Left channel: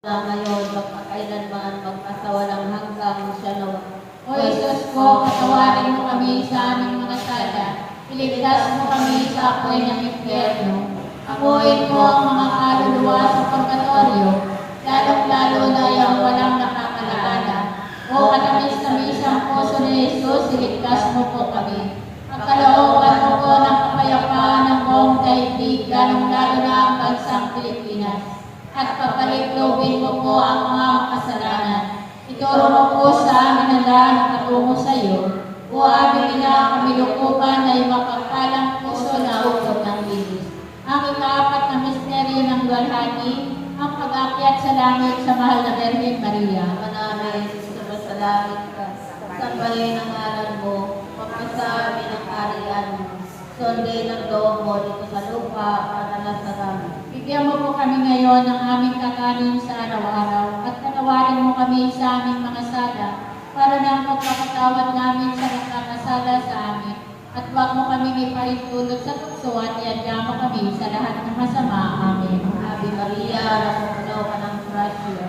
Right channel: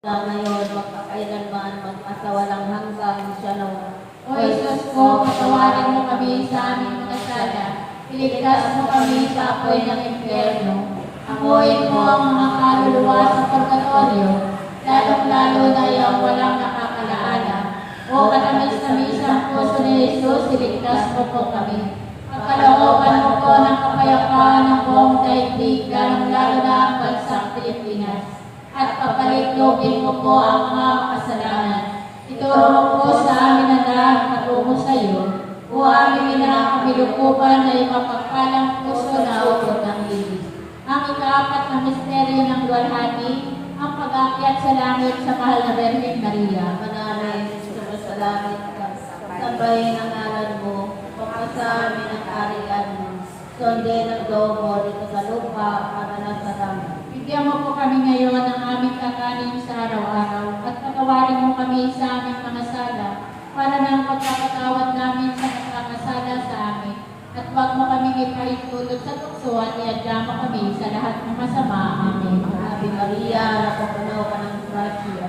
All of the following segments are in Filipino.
ngayon, magpakailanman, magpasawalang hanggang siya nawa. O Isus ko, patawarin mo kami sa aming mga sala. Iligtas mo kami sa apoy ng impyerno. Amuin mo ang mga kaluluwa sa purgatorio, lalong-lalo na yung walang nakakalaala. O katamis-tamisang puso ni Jesus, iligtas mo po kami. Pagkalooban mo po ng kapayapaan ng buong daigdig, lalong-lalo na ang bansang Pilipinas. At papalitlobin mo po ang mga kasalanan. Ituro mo po sa amin ang lahat patungo sa iyo. O aming ina, kamilukuban na mapagpalang puso na ukod ng Diyos. Ang ikaapat na misteryo ng luwalhati, ang pag-akyat sa langit sa mahal na Birhen Maria. Manamin, sumasalangit ka, sambahin ang ngalan mo, pagpasa amin ang kaharian mo, sundin ang loob mo dito sa lupa para nasa langit. Bigyan mo po kami ngayon ng aming kakanin sa araw-araw at patawarin mo kami sa aming mga sala para ng pagpapatawad namin sa nakakasala sa amin. At huwag mo kami ipahintulot sa tukso at iadya mo kami sa lahat ng masama. Amen. Ave Maria, napupuno ka ng grasya.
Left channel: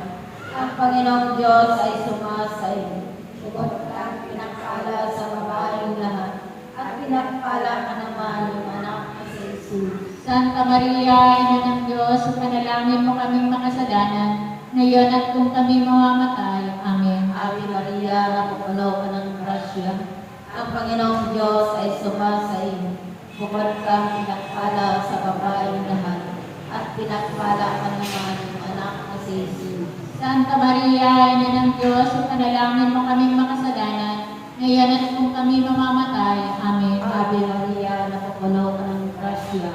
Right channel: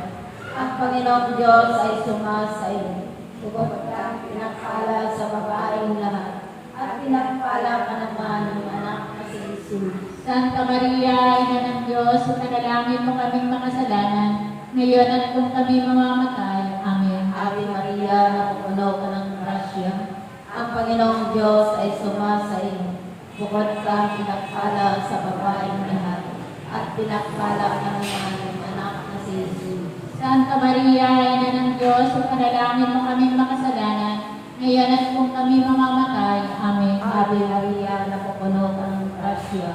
Ang Panginoong Diyos ay sumasa iyo. Bukod kang pinagpala sa babaeng lahat, at pinagpala ka naman ng anak na si Jesus. Santa Maria, Ina ng Diyos, ipanalangin mo kaming makasalanan, ngayon at kung kami mamamatay. Amen. Ave Maria, napupuno ka ng grasya. Ang Panginoong Diyos ay sumasa iyo. Bukod kang pinagpala sa babaeng lahat, at pinagpala ka naman ng anak na si Jesus. Santa Maria, Ina ng Diyos, ipanalangin mo kaming makasalanan, ngayon at kung kami mamamatay. Amen. Ave Maria, napupuno ka ng grasya.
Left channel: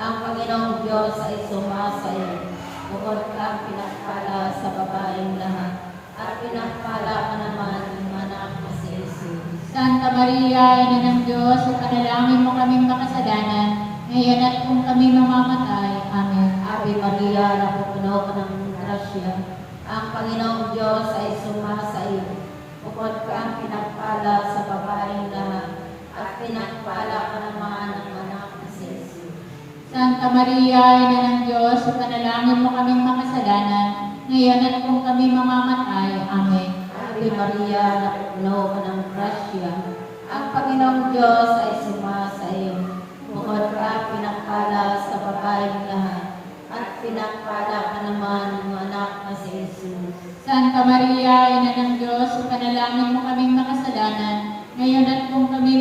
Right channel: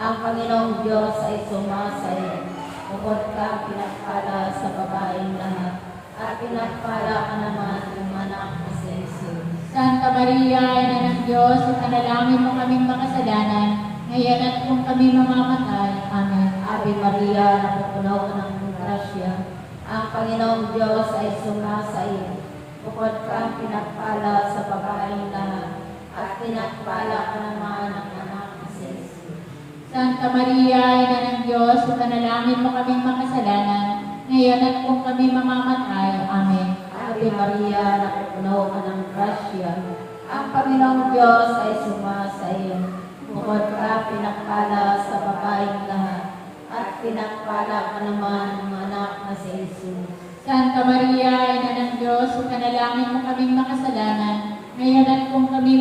Ang Panginoong Diyos ay sumasa iyo. Bukod kang pinagpala sa babaeng lahat, at pinagpala ka naman ng anak na si Jesus. Santa Maria, Ina ng Diyos, ipanalangin mo kaming makasalanan, ngayon at kung kami mamamatay. Amen. Ave Maria, napupuno ka ng grasya. Ang Panginoong Diyos ay sumasa iyo. Bukod kang pinagpala sa babaeng lahat, at pinagpala ka naman ng anak na si Jesus. Santa Maria, Ina ng Diyos, ipanalangin mo kaming makasalanan, ngayon at kung kami mamamatay. Amen. Ave Maria, napupuno ka ng grasya. Ang Panginoong Diyos ay sumasa iyo. Bukod ka pinagpala sa babaeng lahat, at pinagpala ka naman ng anak na si Jesus. Santa Maria, Ina ng Diyos, ipanalangin mo kaming makasalanan, ngayon at kung kami